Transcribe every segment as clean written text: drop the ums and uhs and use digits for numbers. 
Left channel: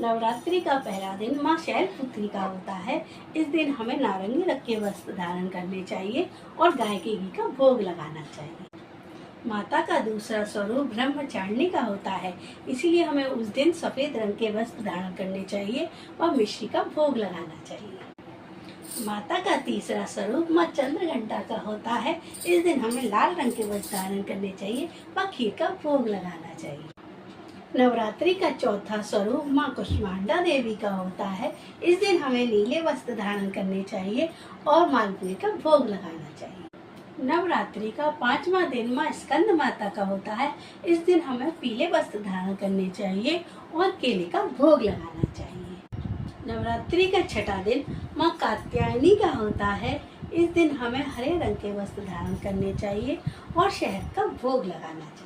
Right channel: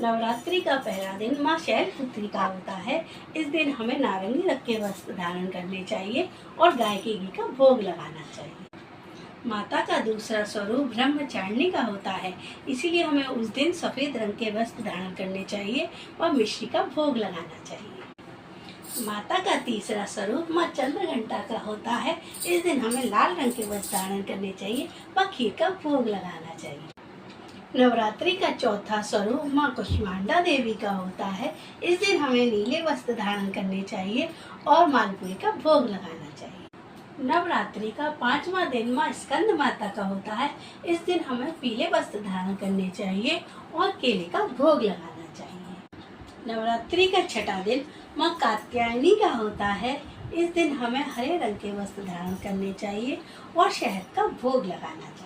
नवरात्रि का पहला दिन माँ शैलपुत्री का होता है। इस दिन हमें नारंगी रंग के वस्त्र धारण करने चाहिए और गाय के घी का भोग लगाना चाहिए। माता का दूसरा स्वरूप ब्रह्मचारिणी का होता है, इसीलिए हमें उस दिन सफेद रंग के वस्त्र धारण करने चाहिए और मिश्री का भोग लगाना चाहिए। माता का तीसरा स्वरूप माँ चंद्रघंटा का होता है। इस दिन हमें लाल रंग के वस्त्र धारण करने चाहिए व खीर का भोग लगाना चाहिए। नवरात्रि का चौथा स्वरूप माँ कुष्मांडा देवी का होता है। इस दिन हमें नीले वस्त्र धारण करने चाहिए और मालपुए का भोग लगाना चाहिए। नवरात्रि का पांचवा दिन माँ स्कंद माता का होता है। इस दिन हमें पीले वस्त्र धारण करने चाहिए और केले का भोग लगाना चाहिए। नवरात्रि का छठा दिन माँ कात्यायनी का होता है। इस दिन हमें हरे रंग के वस्त्र धारण करने चाहिए और शहद का भोग लगाना चाहिए।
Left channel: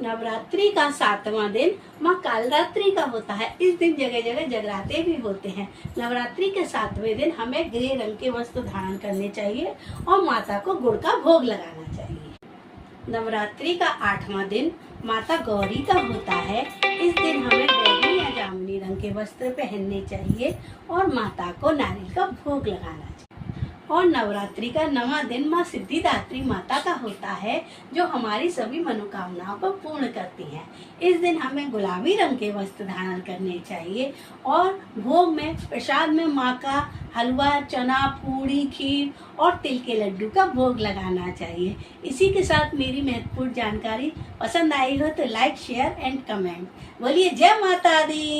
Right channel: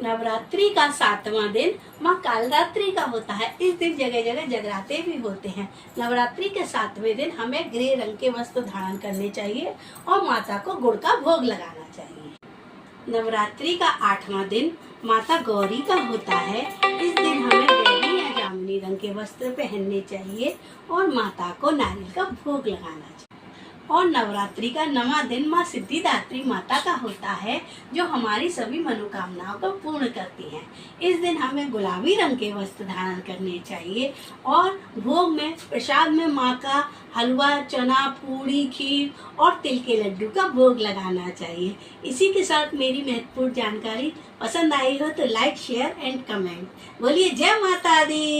नवरात्रि का सातवां दिन माँ कालरात्रि का होता है। इस दिन जगह जगह जगराते भी होते हैं। नवरात्रि के सातवें दिन हमें ग्रे रंग के वस्त्र धारण करने चाहिए और माता को गुड़ का भोग लगाना चाहिए। नवरात्रि का आठवां दिन माता गौरी का होता है। इस दिन हमें बैगनी या जामुनी रंग के वस्त्र पहनने चाहिए और माता को नारियल का भोग लगाना चाहिए। और नवरात्रि का नवां दिन माँ सिद्धिदात्री माता का होता है, जो हमारी सभी मनोकामनाओं को पूर्ण करती हैं। इस दिन हमें गुलाबी रंग के वस्त्र धारण करने चाहिए और भोग में प्रसाद में माँ का हलवा, चना, पूड़ी, खीर और तिल के लड्डू का भोग लगाना चाहिए। इसी के साथ मेरी महत्वपूर्ण जानकारी पसंद आई हो तो लाइक, शेयर एंड कमेंट। बोलिए जय माता दी।